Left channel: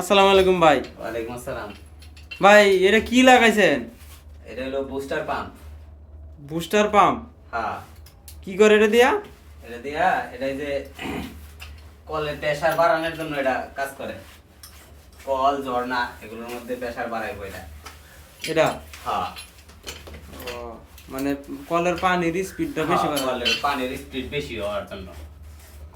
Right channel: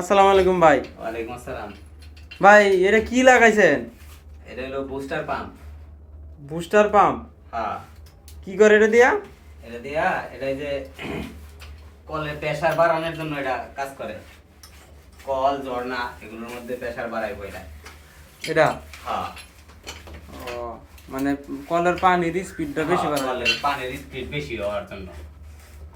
আসসালামু আলাইকুম ভাই। ওয়ালাইকুম আসসালাম। ভাই এটা কি লাগাইছেন? এটা হলো বুস্টার পাম্প। Booster pump? হ্যাঁ, কি করে এটা দিয়া? এটা দিয়া এটা এই যে কলের প্রেসার বাড়ানোর জন্য এটা কাজ করে। কল ঝর্ণা এগুলোর মধ্যে প্রেসার বাড়াইবো এটা। এটা হ্যাঁ, ও মানে কলের পানির স্পিডটা বেশি বাড়ায়। কলের পানির স্পিড বেশি হওয়ার জন্য,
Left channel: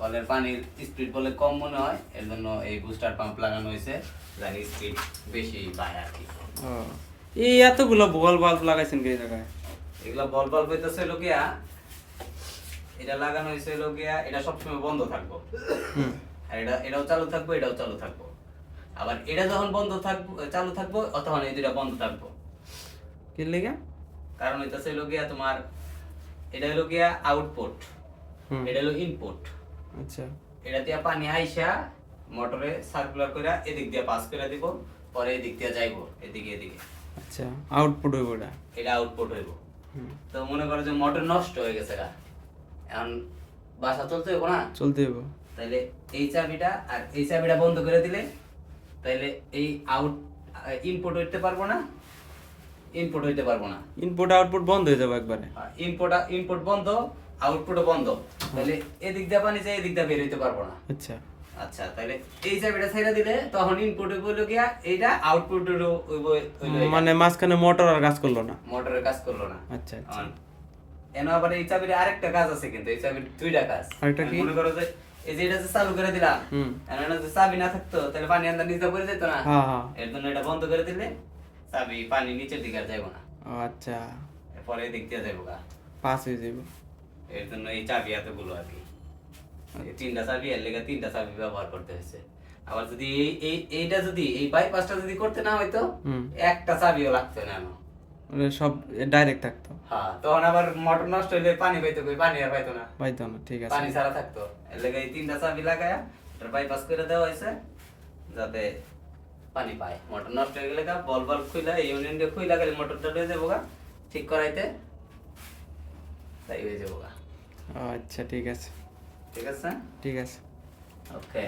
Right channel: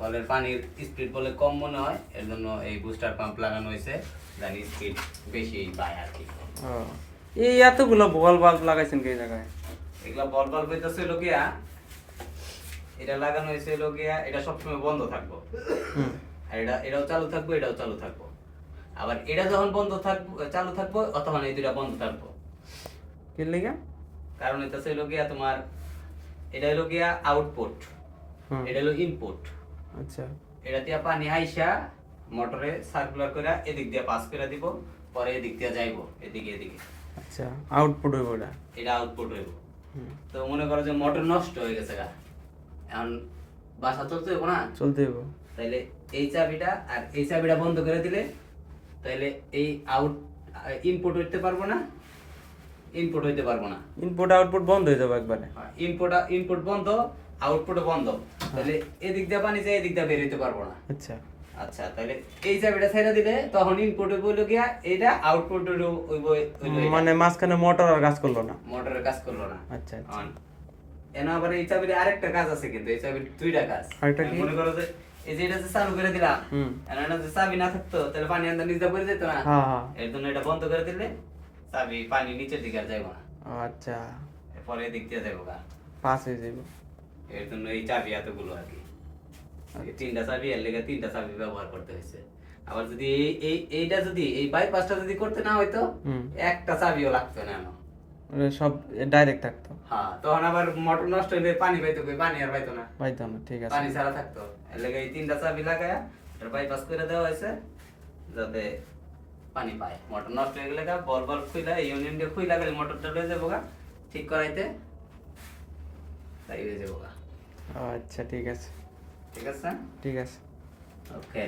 কলের পানির স্পিড বলে কম মনে হয়, এর জন্য এই বুস্টার পাম্প লাগানো হয়েছে, জানি স্পিড বেশি পায় আর কি। ও এই এতগুলো বল বাল্ব লাগাইছেন কি জায়গায়? এগুলা বল বাল্ব হইতেছে লোকিয়া, এটা লাগানো হয়েছে লোকিয়া, এটা সবসময় বন্ধ থাকবো। হুম। আর এটাও চালু থাকবো, এটাও চালু থাকবো। আবার এটা যখন বন্ধ থাকবো, চালু থাকবো, তখন এই দুইটা বন্ধ থাকবো। কি লাগা? কারণ এটা হলো গিয়া তোমার, এটা হলো গিয়া আউটপুট, হুম। এটা হলো ইনপুট। আচ্ছা। এটা দিয়ে পানি আইসা মোটরে সার্কুলার করে এদিক দিয়ে পাস করে দিব, পরে এদিক দিয়ে যাইবো এদিকে এদিকে। আচ্ছা, আউটপুট হইব এটা। এটা আউটপুট হইব। হুম। তো মনে করো যে মোটর নষ্ট হয়ে গেছে গা, এখন বাসা চলতে হইব না, চলতে হইব। তাইলে এই চাবিটা আর এই চাবিটা বন্ধ করে দিলে তাইলে এই ইনপুট হইতে পারবো না, ইনপুট হইতে পারবো না। ইনপুট আউটপুট বন্ধ হয়ে যাবে একবারে। ইনপুট বন্ধ, আউটপুটও বন্ধ, তাহলে এদিক দিয়ে পানি যায়, এদিক দিয়ে বের হইতে পারবো না। আচ্ছা। আচ্ছা, তাহলে এই চাবিটা ছেড়ে দিলে তখন ইনপুট হইব গিয়া এইটা, আউটপুট হইব মানে মাঝখানে মোটর আর কাজ করলো না। মোটরের কাজ করলো না। আচ্ছা আচ্ছা। এনে আবার এই চাবির আরেকটা কাজ আছে, কিন্তু এই চাবির দুইটা কাজ। আরেকটা কি? মনে করো যে এই যে এটা যে চালু করে দিলাম, হুম। এখন এটা যে চাবি না থাকতো তাহলে পানি আন্দার নিচে পড়ে যেত না। হ্যাঁ হ্যাঁ। এর জন্য এটা বন্ধ করে দিলে চাবি পানি নিচের দিকে আর যাইব না, আচ্ছা, পরে এদিক দিয়ে যাইব গা। পাস হয়ে যাবে। এর জন্য এই চাবি এতগুলো আর কি, এই তিনটা চাবি, এর লেগে তিনটা চাবি ব্যবহার করতে হয়েছে। আবার যদি এইটা যদি এই বাইপাসটা যদি করতে না হইতো, হুম। একটা চাবিও লাগতো না। মানে সব ডাইরেক্ট থাকতো। হ্যাঁ, তখন আবার মোটর নষ্ট হইলে পানি পাইতো কই? পানি আর পাইতো না, পাইতো না। ঠিক আছে। পানি ছাড়া থাকতো। এর লেগে এই তিনটা চাবি লাগায়া এটা বাইপাস করে দেওয়া হয়েছে, যাতে পানি পায়। মোটর নষ্ট হয়ে গেলে বল বল খুইলা, এই ইউনিয়ন দিয়ে খুইলা গেলে মোটরটা লয়ে যাবো গা ঠিক করাইতে, তাই হয়ে যাবো গা। আচ্ছা ঠিক আছে। ঠিক আছে, ঠিক আছে। ওকে।